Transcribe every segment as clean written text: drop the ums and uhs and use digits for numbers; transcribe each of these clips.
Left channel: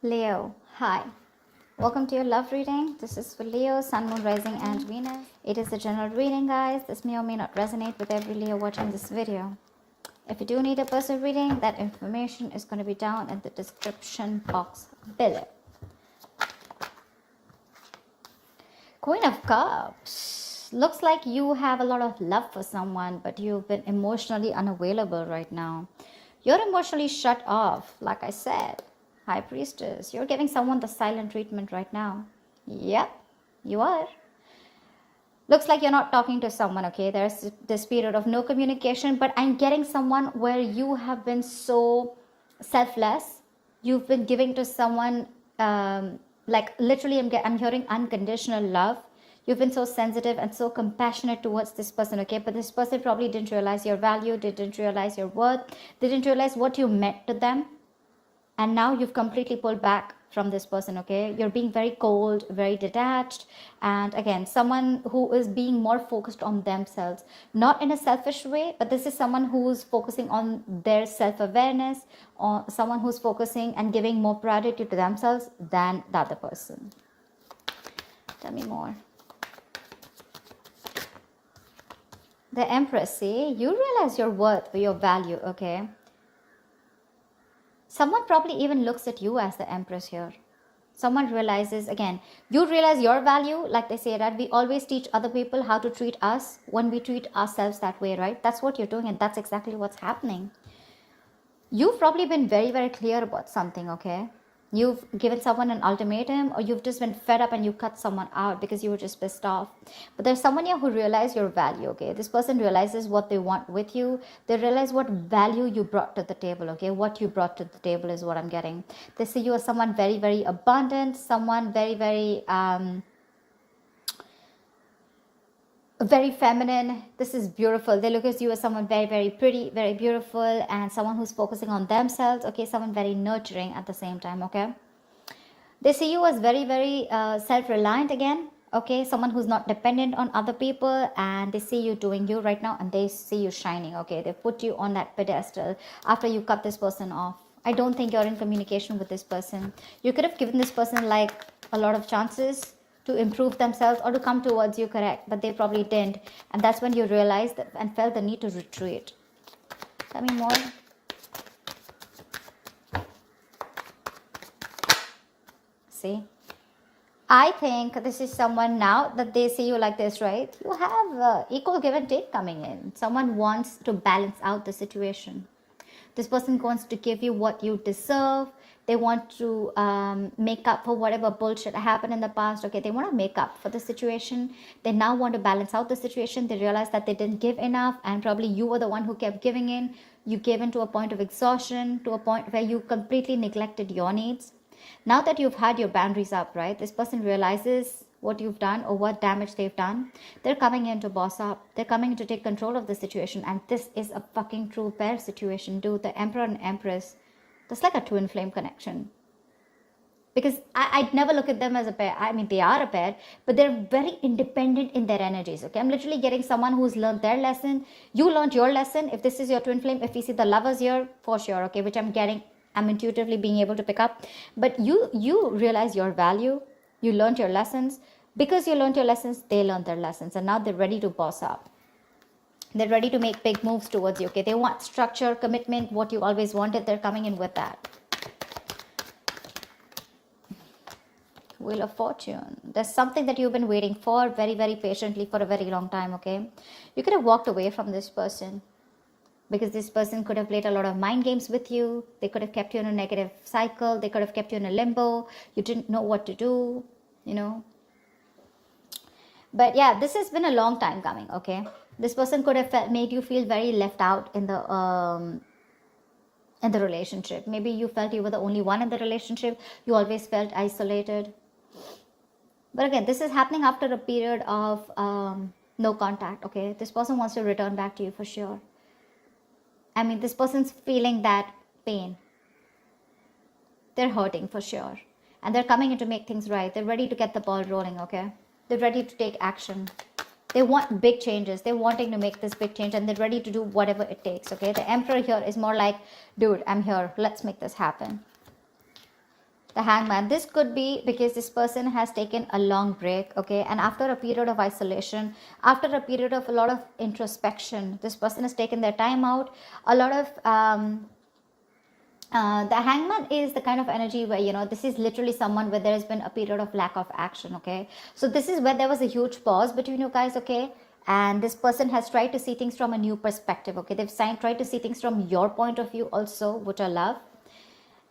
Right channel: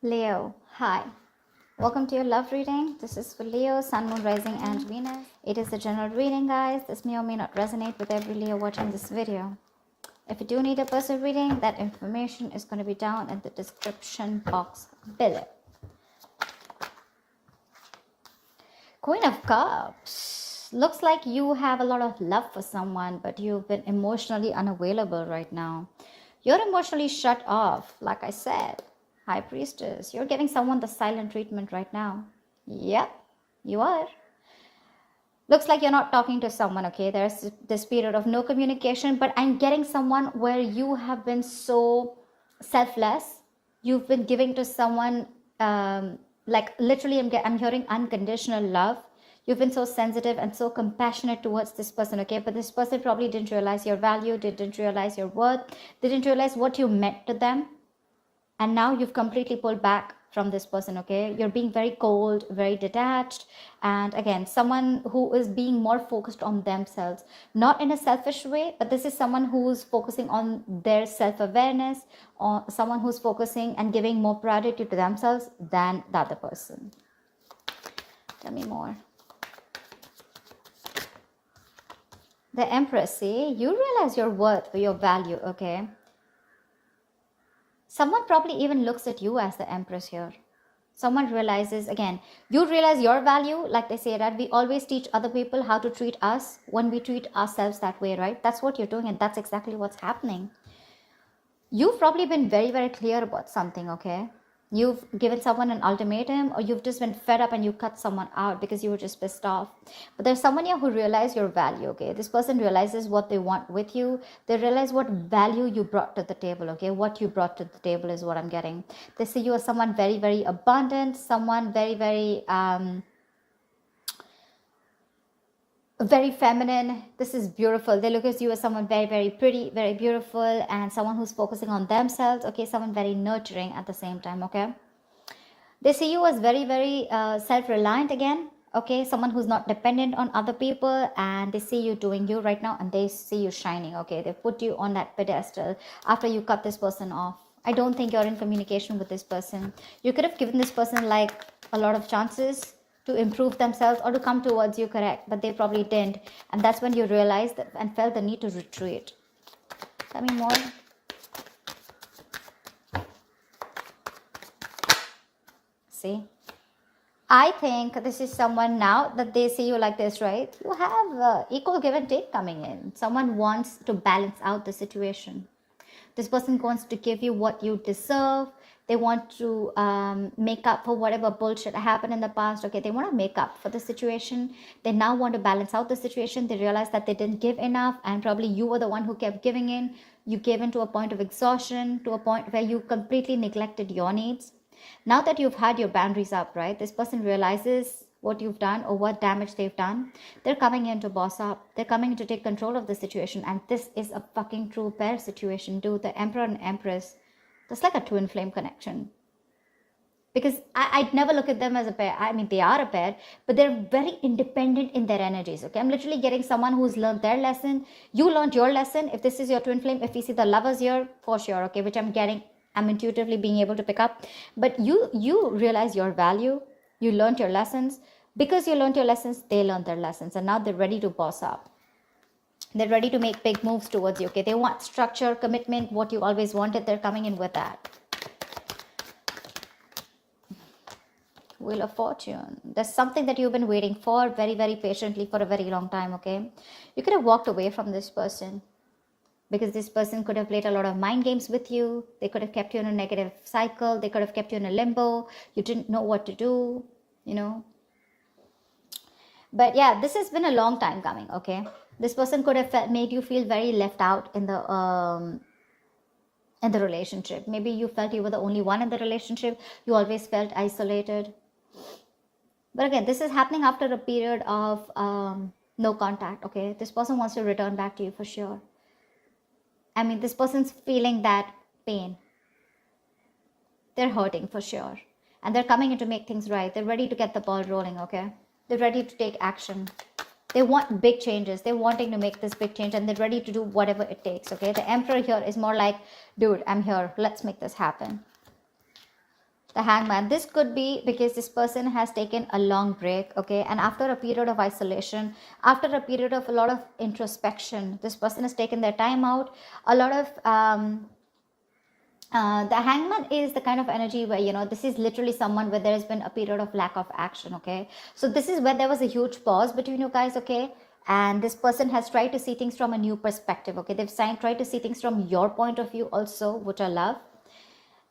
Leo, hi. Welcome to your love reading. This is for Leo, Sun, Moon, Rising, and Venus. It is a general reading, guys. This may or may not resonate with every Leo watching this video. If you do need a personal reading, that information is going to be down in the description box below. Queen of Cups. Looks like you have a lot of love for someone, but you've been emotionally unavailable right now. You're emotionally shut off, like I said. High Priestess, you're giving someone the silent treatment right now. Yep, you are. Looks like you're not talking to someone, okay? There's this period of no communication, but I'm getting someone where you have been so selfless. You've been giving to someone, like literally I'm hearing unconditional love. You've been so sensitive and so compassionate towards this person, okay? But this person probably didn't realize your value, didn't realize your worth, didn't realize what you meant to them. And now you've completely pulled back from this person, okay? You're being very cold, very detached. And again, someone who is being more focused on themselves, not in a selfish way, but this is someone who's focusing on their self-awareness, or someone who's focusing and giving more priority to themselves than the other person. Tell me more. The Empress, see, you realize your worth, your value, okay? Someone probably even looks at you as the Empress here. Someone realizes, again, you realize your value, like they say that we always teach other people how to treat us when we treat ourselves that way, right? That's what you're doing, and that's exactly what's happening. You've probably been very, very clear about something, okay? You've given someone an ultimatum, or you've just been fed up and you cut someone out because you were just pissed off. But there's someone here who realizes your value, okay? This person realizes what they want with you. They realize what value you brought to the table, okay? What you brought to the table is what I'm getting. They see you as someone very, very abundant, someone very, very feminine. This is beautiful. They look at you as someone very, very pretty, very beautiful, and someone who's focusing on themselves, okay? Someone very nurturing at the same time, okay? They see you as very, very self-reliant again, okay? Someone who's not dependent on other people, and they see you doing you right now, and they see you shining, okay? They put you on that pedestal after you cut this person off. I don't think you're in communication with this person. You could have given this person like a lot of chances to improve themselves or to come towards you, correct, but they probably didn't, and that's when you realized that and felt the need to retreat. Tell me more. See, I think this is someone now that they see you like this, right? You have equal give and take coming in. Someone wants to balance out the situation. This person wants to give you what you deserve. They want to make up for whatever bullshit happened in the past. Okay, they want to make up for the situation. They now want to balance out the situation. They realize that they didn't give enough, and probably you were the one who kept giving in. You gave in to a point of exhaustion, to a point where you completely neglected your needs. Now that you've had your boundaries up, right, this person realizes what you've done or what damage they've done. They're coming in to boss up. They're coming in to take control of the situation. And this is a fucking true pair situation, dude. The Emperor and Empress. That's like a twin flame connection. Because I'd never look at them as a pair. I mean, they are a pair, but they're very independent in their energies, okay? I'm literally getting someone who's learned their lesson. You learned your lesson. If this is your twin flame, if we see the lovers here, for sure, okay, which I'm getting, I'm intuitively being able to pick up. But you realize your value. You learned your lessons. Because you learned your lessons, they learned their lessons. And now they're ready to boss up. They're ready to make big moves towards you, okay? They want structure, commitment, what you always wanted. They're coming in with that. Wheel of Fortune. There's something that you've been waiting for very, very patiently for a very long time, okay? You could have walked away from this person because this person could have played a lot of mind games with you. They could have kept you in a negative cycle. They could have kept you in a limbo. You didn't know what to do, you know? But yeah, this has been a long time coming, okay? This person could have made you feel very left out in the relationship. Maybe you felt you were the only one in the relationship. You always felt isolated. But again, this is happening after a period of no contact, okay? This person wants to return back to you for sure. I mean, this person's feeling that pain. They're hurting for sure. And they're coming in to make things right. They're ready to get the ball rolling, okay? They're ready to take action. They want big changes. They're wanting to make this big change, and they're ready to do whatever it takes, okay? The Emperor here is more like, dude, I'm here. Let's make this happen. The Hangman, this could be because this person has taken a long break, okay? And after a period of isolation, after a period of a lot of introspection, this person has taken their time out. A lot of, the Hangman is the kind of energy where, you know, this is literally someone where there has been a period of lack of action, okay? So this is where there was a huge pause between you guys, okay? And this person has tried to see things from a new perspective, okay? They've tried to see things from your point of view also, which I love.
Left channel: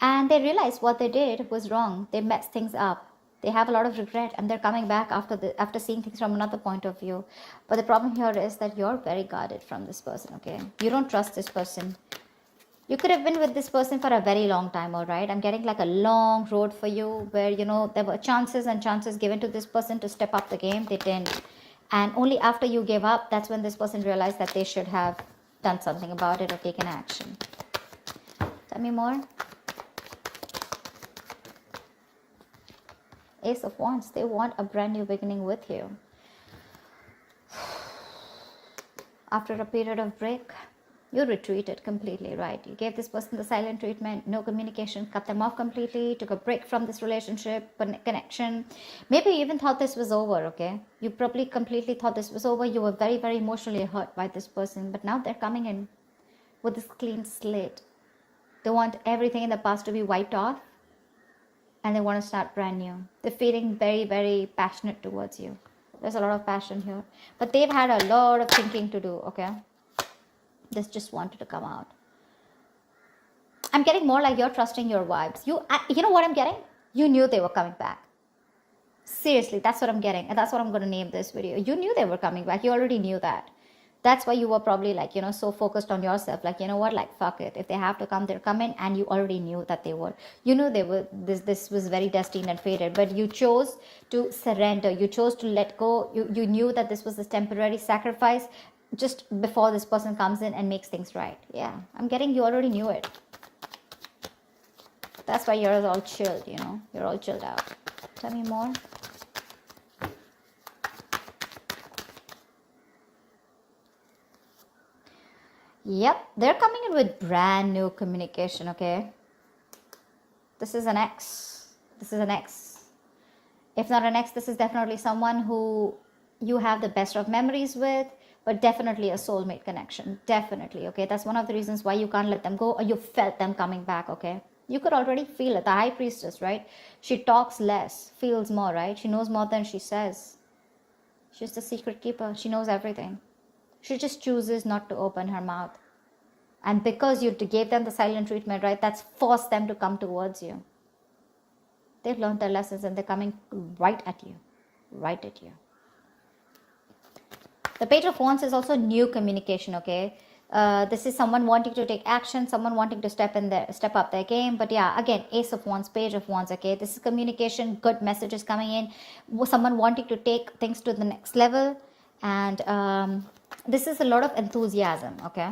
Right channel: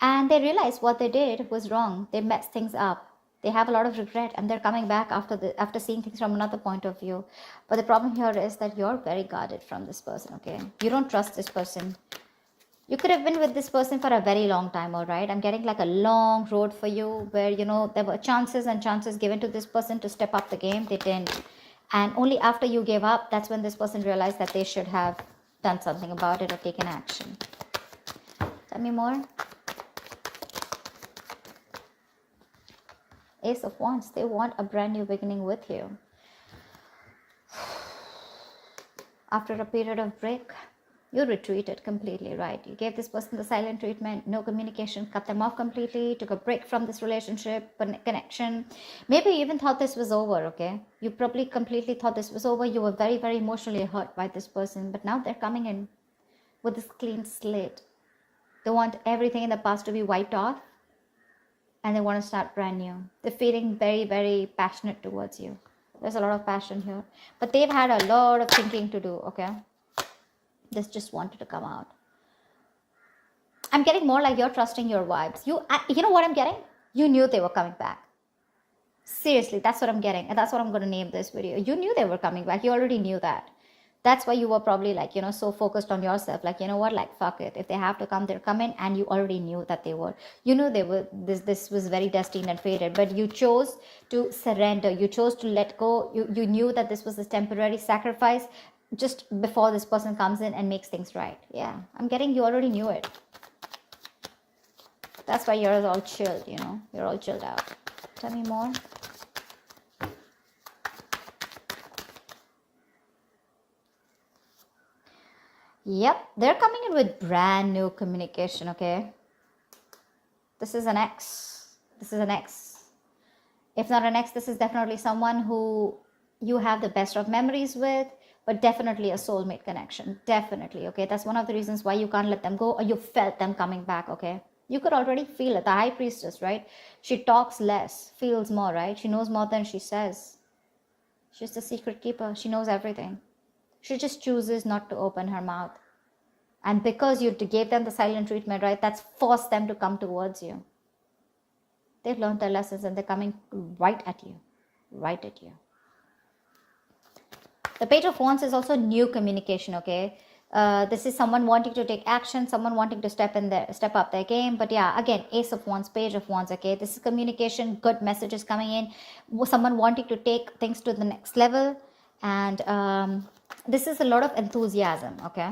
And they realized what they did was wrong. They messed things up. They have a lot of regret, and they're coming back after seeing things from another point of view. But the problem here is that you're very guarded from this person, okay? You don't trust this person. You could have been with this person for a very long time, all right? I'm getting like a long road for you where, you know, there were chances and chances given to this person to step up the game. They didn't. And only after you gave up, that's when this person realized that they should have done something about it or taken action. Tell me more. Ace of Wands, they want a brand new beginning with you. After a period of break, you retreated completely, right? You gave this person the silent treatment, no communication, cut them off completely, took a break from this relationship, connection. Maybe you even thought this was over, okay? You probably completely thought this was over. You were very, very emotionally hurt by this person, but now they're coming in with this clean slate. They want everything in the past to be wiped off, and they want to start brand new. They're feeling very, very passionate towards you. There's a lot of passion here, but they've had a lot of thinking to do, okay? This just wanted to come out. I'm getting more like you're trusting your vibes. You know what I'm getting? You knew they were coming back. Seriously, that's what I'm getting. And that's what I'm going to name this video. You knew they were coming back. You already knew that. That's why you were probably like, you know, so focused on yourself. Like, you know what? Like, fuck it. If they have to come, they're coming. And you already knew that they would. You knew they were. This was very destined and fated. But you chose to surrender. You chose to let go. You knew that this was a temporary sacrifice just before this person comes in and makes things right. Yeah, I'm getting you already knew it. That's why you're all chilled, you know. You're all chilled out. Tell me more. Yep, they're coming in with brand new communication, okay? This is an ex. This is an ex. If not an ex, this is definitely someone who you have the best of memories with, but definitely a soulmate connection. Definitely, okay? That's one of the reasons why you can't let them go, or you felt them coming back, okay? You could already feel it. The High Priestess, right? She talks less, feels more, right? She knows more than she says. She's the secret keeper. She knows everything. She just chooses not to open her mouth. And because you gave them the silent treatment, right? That's forced them to come towards you. They've learned their lessons and they're coming right at you. Right at you. The Page of Wands is also new communication, okay? This is someone wanting to take action, someone wanting to step up their game. But yeah, again, Ace of Wands, Page of Wands, okay? This is communication, good messages coming in. Someone wanting to take things to the next level. And this is a lot of enthusiasm, okay?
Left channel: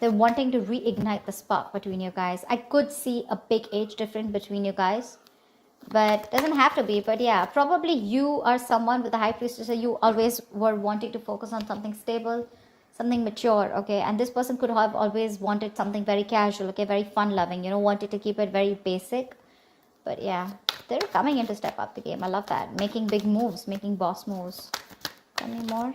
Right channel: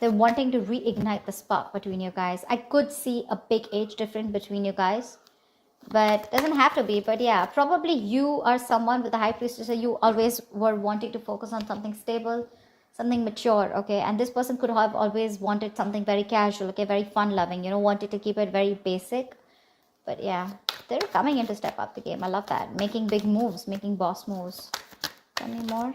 They're wanting to reignite the spark between you guys. I could see a big age difference between you guys. But doesn't have to be. But yeah, probably you are someone with the High Priestess. You always were wanting to focus on something stable, something mature, okay? And this person could have always wanted something very casual, okay? Very fun-loving, you know, wanted to keep it very basic. But yeah, they're coming in to step up the game. I love that. Making big moves, making boss moves. Any more?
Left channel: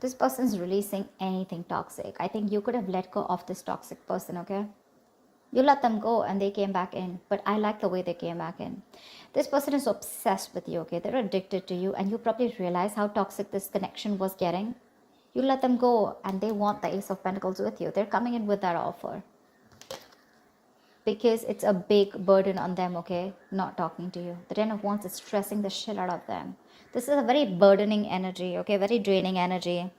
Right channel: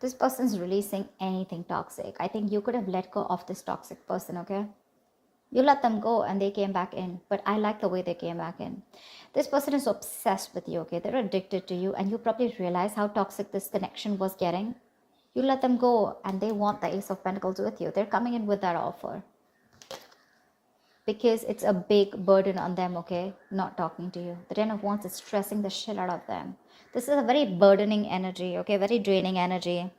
This person is releasing anything toxic. I think you could have let go of this toxic person, okay? You let them go and they came back in. But I like the way they came back in. This person is obsessed with you, okay? They're addicted to you. And you probably realize how toxic this connection was getting. You let them go and they want the Ace of Pentacles with you. They're coming in with that offer. Because it's a big burden on them, okay? Not talking to you. The Ten of Wands is stressing the shit out of them. This is a very burdening energy, okay? Very draining energy.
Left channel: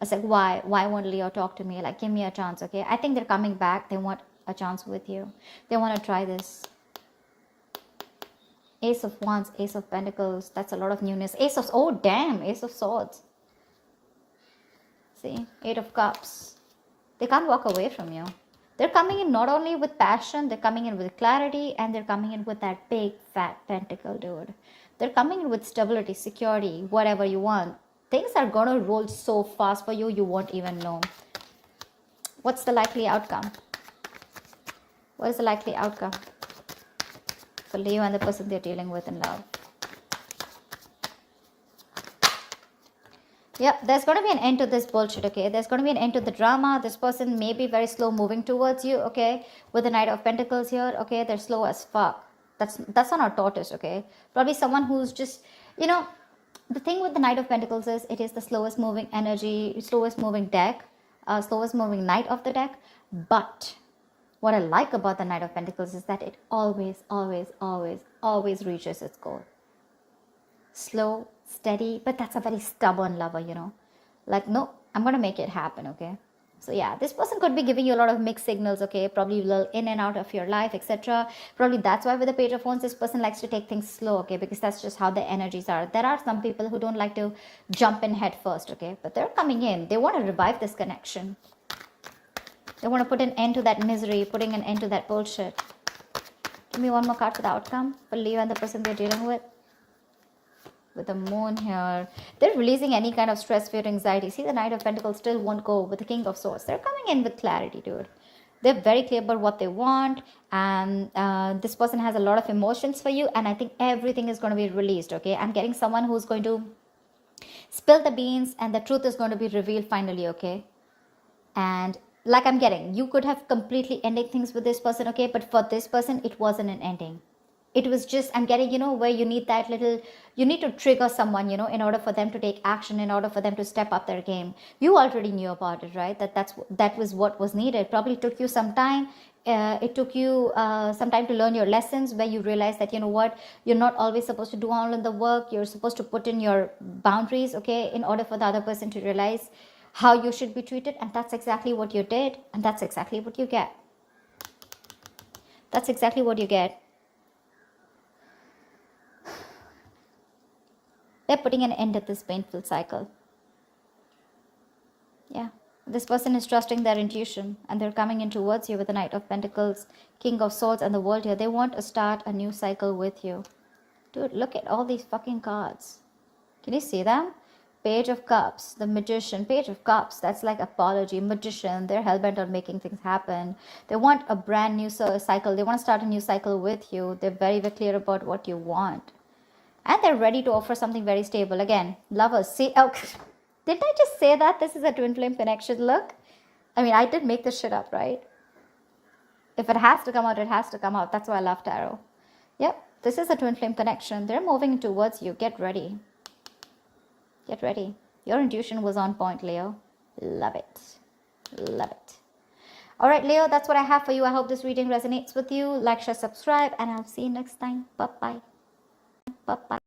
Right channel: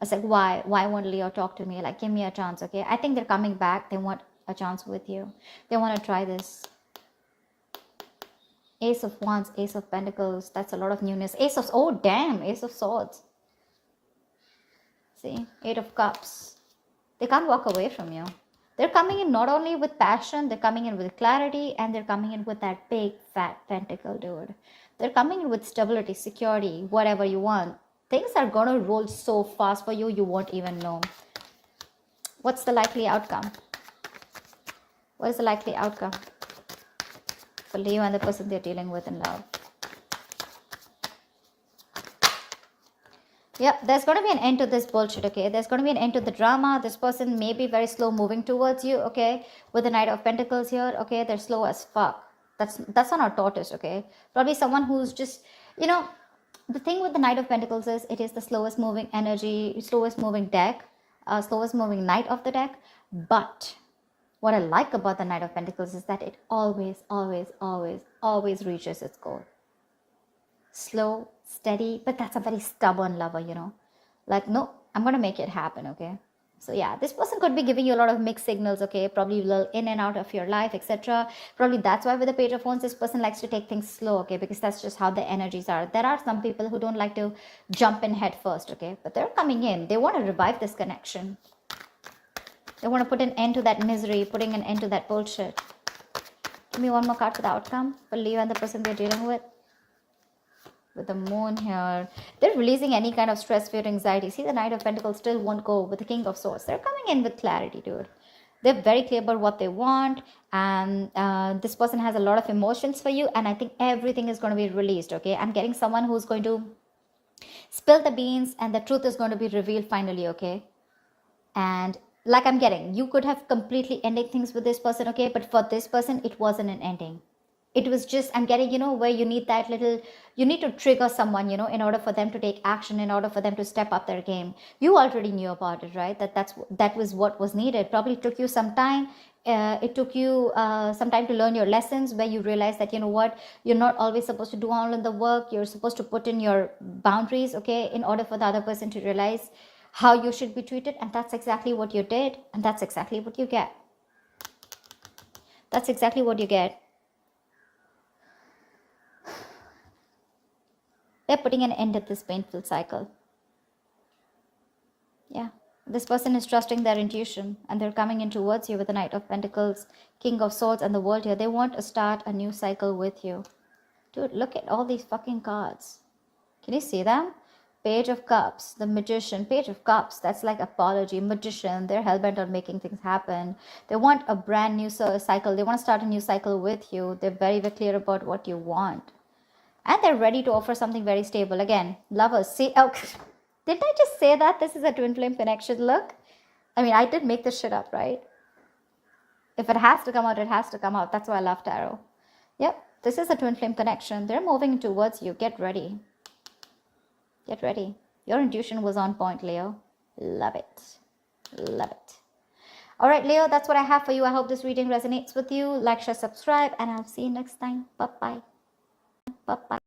It's like, why? Why won't Leo talk to me? Like, give me a chance, okay? I think they're coming back. They want a chance with you. They want to try this. Ace of Wands, Ace of Pentacles. That's a lot of newness. Ace of... Oh, damn. Ace of Swords. See? Eight of Cups. They can't walk away from you. They're coming in not only with passion, they're coming in with clarity, and they're coming in with that big, fat pentacle, dude. They're coming in with stability, security, whatever you want. Things are going to roll so fast for you, you won't even know. What's the likely outcome? What is the likely outcome for Leo and the person they're dealing with in love? Yeah, there's going to be an end to this bullshit, okay? There's going to be an end to the drama. This person may be very slow moving towards you, okay? With the Knight of Pentacles here, okay? They're slow as fuck. That's not a tortoise, okay? Probably someone who's just, you know, the thing with the Knight of Pentacles is it is the slowest moving energy, slowest moving deck, slowest moving knight of the deck. But what I like about the Knight of Pentacles is that it always, always, always, always reaches its goal. Slow, steady, but that's a very stubborn lover, you know. Like, no, I'm going to make it happen, okay? So yeah, this person could be giving you a lot of mixed signals, okay? Probably a little in and out of your life, etc. Probably that's why with the Page of Wands, this person likes to take things slow, okay? Because that's just how the energies are. There are some people who don't like to jump in head first, okay? But they're coming in. They want to revive this connection. They want to put an end to that misery, putting an end to that bullshit. Give me one more card for the outcome for Leo and the person they're dealing with. With the moon here, they're releasing any kind of stress, fear, anxiety. See, the Knight of Pentacles still won't go with the King of Swords. They're coming in with clarity, dude. They're very clear about what they want, and this person has a lot of emotions for you, and I think everything is going to be released, okay? I'm getting someone who's going to spill the beans, and the truth is going to be revealed finally, okay? And like I'm getting, you could have completely ended things with this person, okay? But for this person, it wasn't an ending. It was just, I'm getting, you know, where you need that little, you need to trigger someone, you know, in order for them to take action, in order for them to step up their game. You already knew about it, right? That was what was needed. Probably took you some time. It took you some time to learn your lessons, where you realize that, you know what, you're not always supposed to do all of the work. You're supposed to put in your boundaries, okay, in order for the other person to realize how you should be treated. And that's exactly what you did. And that's exactly what you get. That's exactly what you get. They're putting an end to this painful cycle. Yeah. This person is trusting their intuition, and they're coming in towards you with the Knight of Pentacles, King of Swords, and the World here. They want to start a new cycle with you. Dude, look at all these fucking cards. Can you see them? Page of Cups, the Magician, Page of Cups. That's like apology, Magician. They're hellbent on making things happen. They want a brand new cycle. They want to start a new cycle with you. They're very, very clear about what you want. And they're ready to offer something very stable. Again, lovers. See, oh, did I just say that this is a twin flame connection? Look. I mean, I did make this shit up, right? If it has to come out, it has to come out. That's why I love tarot. Yep, this is a twin flame connection. They're moving towards you. Get ready. Get ready. Your intuition was on point, Leo. Love it. Love it. All right, Leo, that's what I have for you. I hope this reading resonates with you. Like, share, subscribe, and I'll see you next time. Bye-bye. Bye-bye.